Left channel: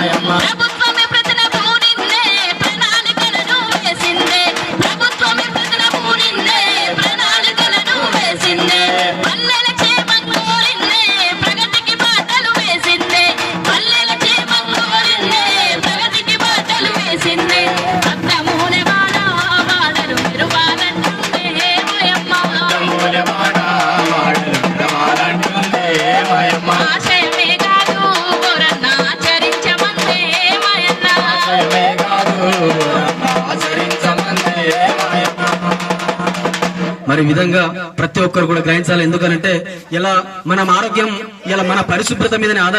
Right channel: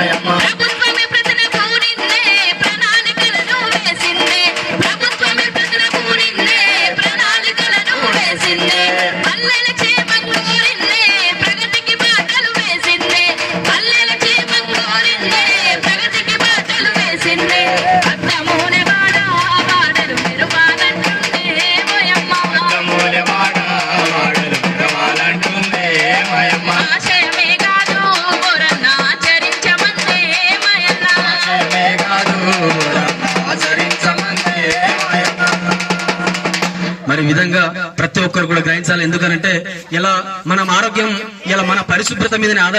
I am a. మరి విధంగా ప్రతి ఒక్కరు కూడా గ్రహించాలి. ఎందుకనంటే ఇలా మనం ఆరోగ్యం ఇలా మన పరిశుభ్రత మీదనే ఆధార